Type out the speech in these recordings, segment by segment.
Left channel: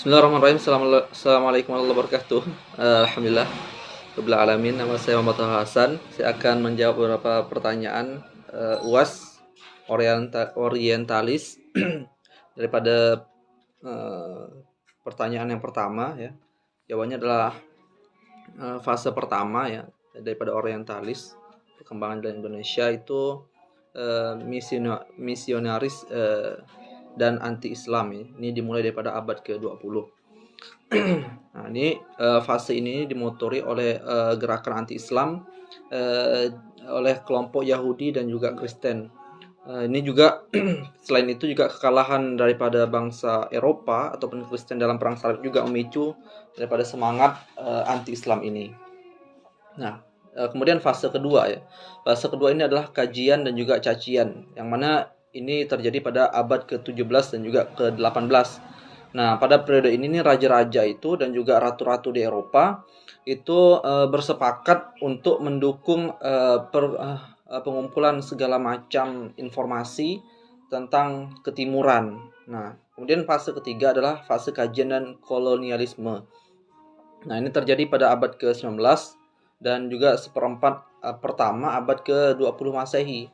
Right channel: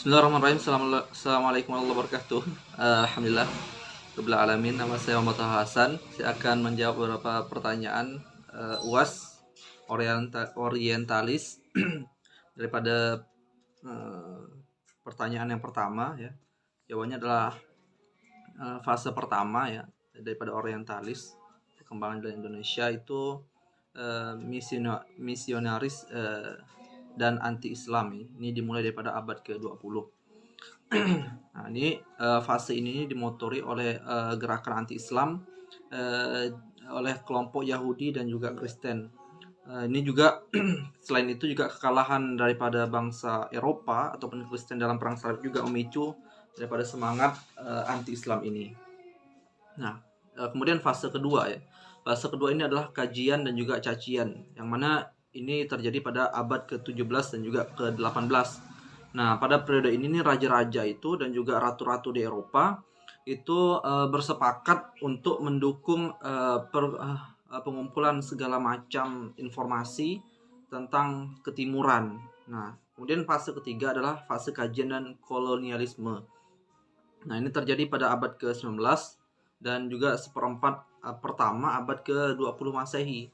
Bismillahirrahmanirrahim. Assalamualaikum warahmatullahi wabarakatuh. Alhamdulillah rabbil alamin. Nama saya Muhammad Hasan. Saya akan menjawab beberapa pertanyaan UAS orientalis daripada eh, pertanyaan yang pertama ya. Jawabannya adalah fase pertama ya daripada orientalis. Perkembangan dalam Indonesia itu misionaris dan anti-Islam ya. Ini dimulai daripada abad ke-20. Nah, ini fase ini dimotori oleh gerakan anti-Islam oleh kelompok Yahudi dan juga Kristen. Ini juga selain itu juga kekalahan daripada bangsa Eropa ataupun Kristen dalam perang salib juga memicu daripada semangat anti-Islam ini. Nah, kemudian fase kedua ya. Fase kedua ini adalah kajian dan juga cacian, yang mana ini terjadi pada abad ke-17 dan juga ke-18. Nah, pada periode ini nih raja-raja itu dan juga ratu-ratu di Eropa itu bersepakat untuk mendukung pengumpulan segala macam informasi tentang ketimuran. Nah, kemudian fase ketiga adalah fase kajian dan kolonialisme. Nah, ini terjadi pada abad ke-19 dan juga seperempat pertama abad ke-20 Masehi.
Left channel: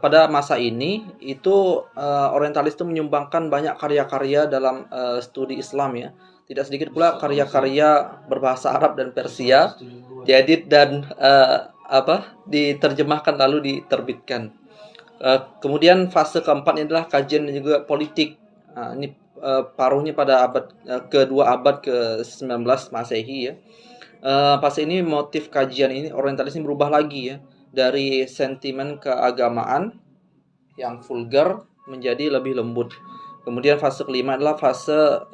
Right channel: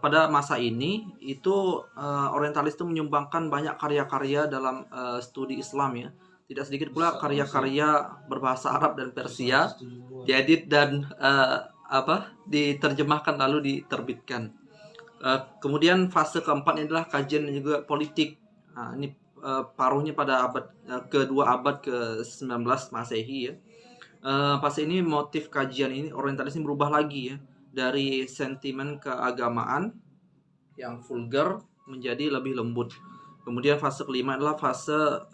Pada masa ini itu orientalis itu menyumbangkan banyak karya-karya dalam studi Islam ya. Tidak sedikit pula karya-karya berbahasa Arab dan Persia diedit dan diterjemahkan lalu diterbitkan. Kemudian fase keempat adalah kajian dan juga politik. Ini paruhnya pada abad kedua abad ke-19 Masehi ya. Pas ini motif kajian ini orientalis ini berubah lagi ya, dari sentimen keagamaan yang vulgar menjadi lebih lembut. Kemudian fase kelima adalah fase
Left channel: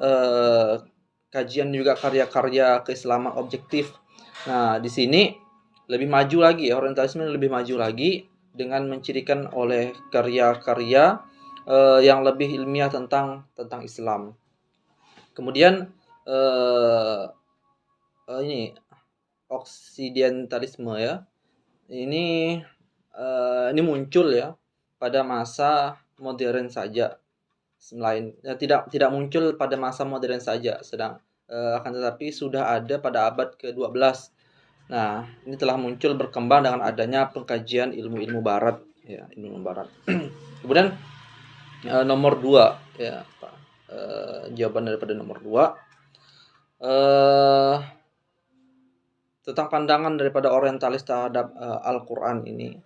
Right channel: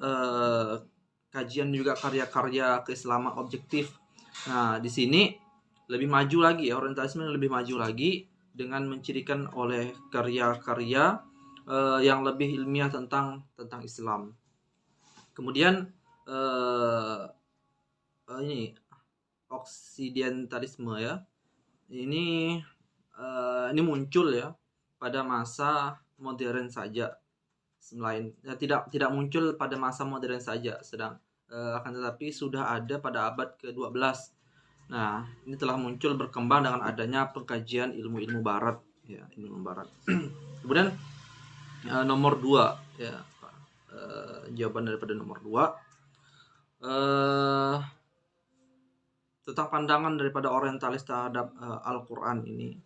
kajian juga karya-karya keislaman objektif. Nah, di sini lebih maju lagi ya, orientalisme lebih maju lagi dengan mencirikan oleh karya-karya yang lebih ilmiah tentang Islam. Kemudian ini oksidentalisme ya. Ini muncul ya pada masa modern saja. Tidak muncul pada masa modern saja, akan tetapi sudah ada pada abad ke-12. Nah, ini telah muncul berkembang dengan adanya pengkajian ilmu-ilmu barat ya, ilmu barat. Kemudian nomor 2 ya, jawaban daripada nomor 2 tentang pandangan daripada orientalis terhadap Al-Qur'an ini.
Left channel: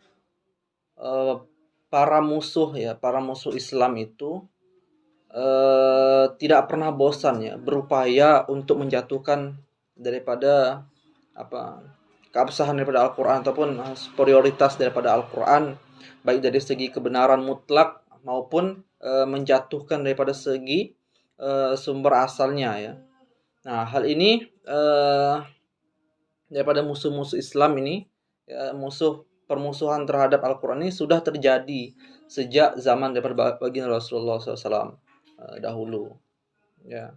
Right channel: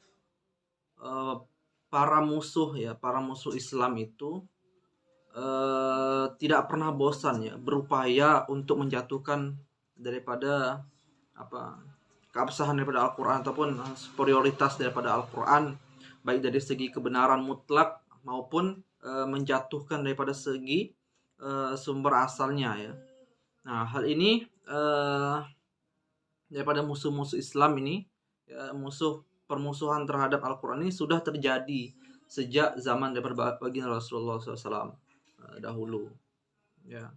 Para musuh Islam itu tidak pernah bosan ya berupaya untuk menjatuhkan daripada keabsahan daripada Al-Qur'an ataupun superioritas daripada Al-Qur'an, baik dari segi kebenaran mutlak maupun menjatuhkan daripada segi sumber asalnya ya. Nah, hal ini daripada musuh-musuh Islam ini ya, permusuhan terhadap Al-Qur'an ini sudah terjadi sejak zaman daripada baginda Rasulullah SAW dahulu ya,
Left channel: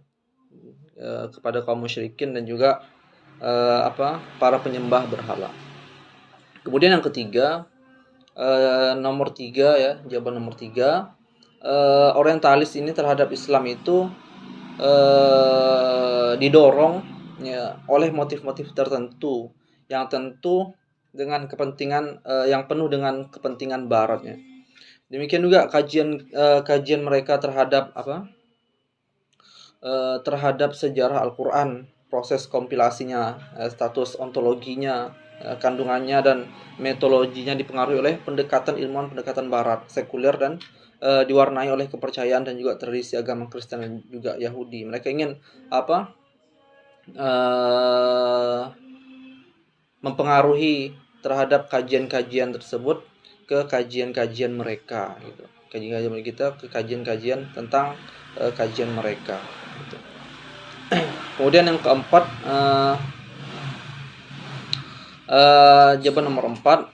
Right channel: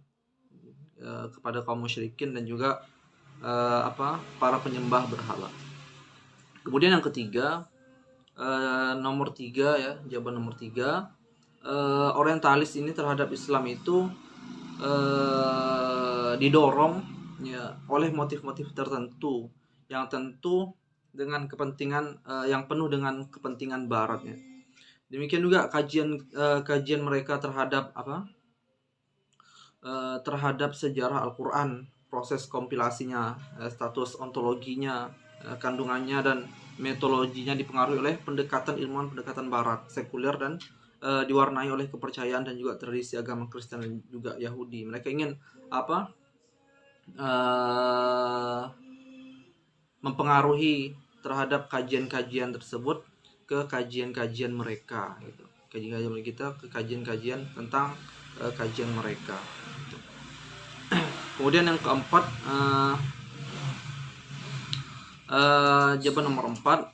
kepada kaum musyrikin dan juga para penyembah berhala. Kemudian yang ketiga, nomor 3 ya, jawaban nomor 3, orientalis ini terhadap Islam itu didorong ya oleh motif-motif tertentu yang tentu dengan kepentingan yang penuh dengan kepentingan baratnya. Demikian juga kajian mereka terhadap terhadap sejarah Al-Qur'an, proses kompilasinya, status ontologinya, kandungannya dan metodologinya dipengaruhi oleh pendekatan barat, sekuler dan diwarnai oleh kepercayaan dan juga tradisi agama Kristen dan juga Yahudi. Mereka ingin mempengaruhi terhadap kajian-kajian tersebut ke kajian-kajian mereka gitu. Kajian-kajian kita ke kajian-kajian tentang kajian mereka gitu. Kemudian yang keempat, jawaban nomor 4,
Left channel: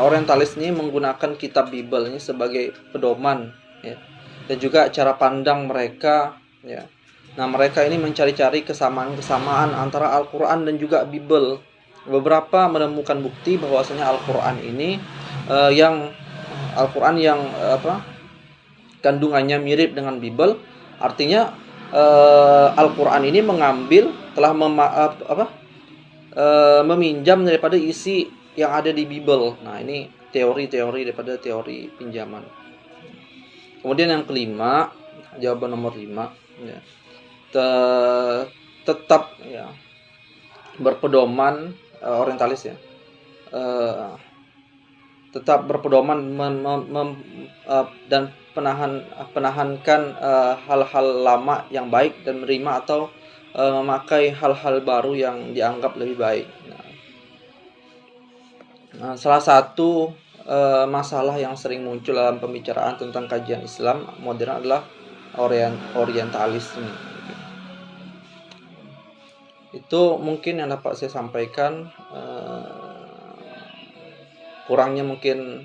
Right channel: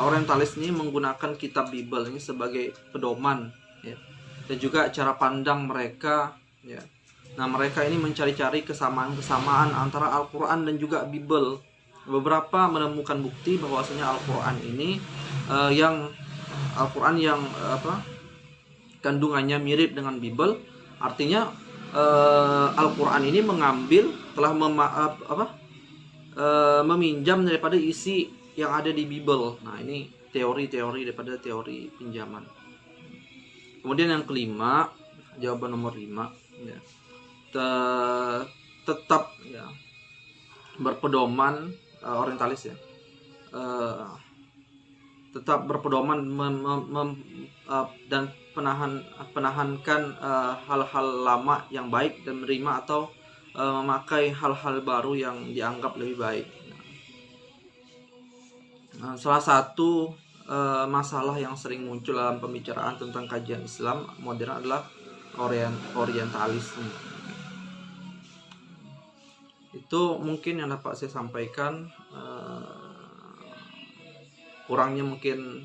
orientalis ini menggunakan kitab Bible ini sebagai pedoman ya, dan juga cara pandang mereka ya. Nah, mereka ini mencari-cari kesamaan-kesamaan antara Al-Qur'an dan juga Bible. Beberapa menemukan bukti bahwasanya Al-Qur'an ini kandungannya mirip dengan Bible. Artinya Al-Quran ini telah meminjam daripada isi yang ada di Bible. Nah, ini teori-teori daripada teori pinjaman. Kemudian yang kelima, jawaban nomor 5, ya, tetap ya berpedoman orientalis ya, tetap berpedoman dan penahankan hal-hal lama yang baik dan menerima atau memakai hal-hal baru yang dianggap lebih baik. Nah, salah satu masalah yang sering muncul dalam pembicaraan tentang kajian Islam modern adalah orientalisme. Itu mungkin yang dapat saya sampaikan. Kurangnya mungkin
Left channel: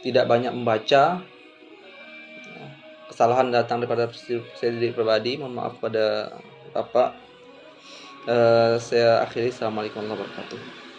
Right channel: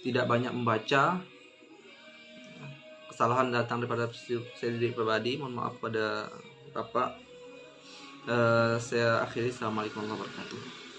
tidak banyak membaca. Kesalahan datang daripada saya diri pribadi. Mohon maaf pada Bapak. Saya akhiri. Assalamualaikum warahmatullahi wabarakatuh.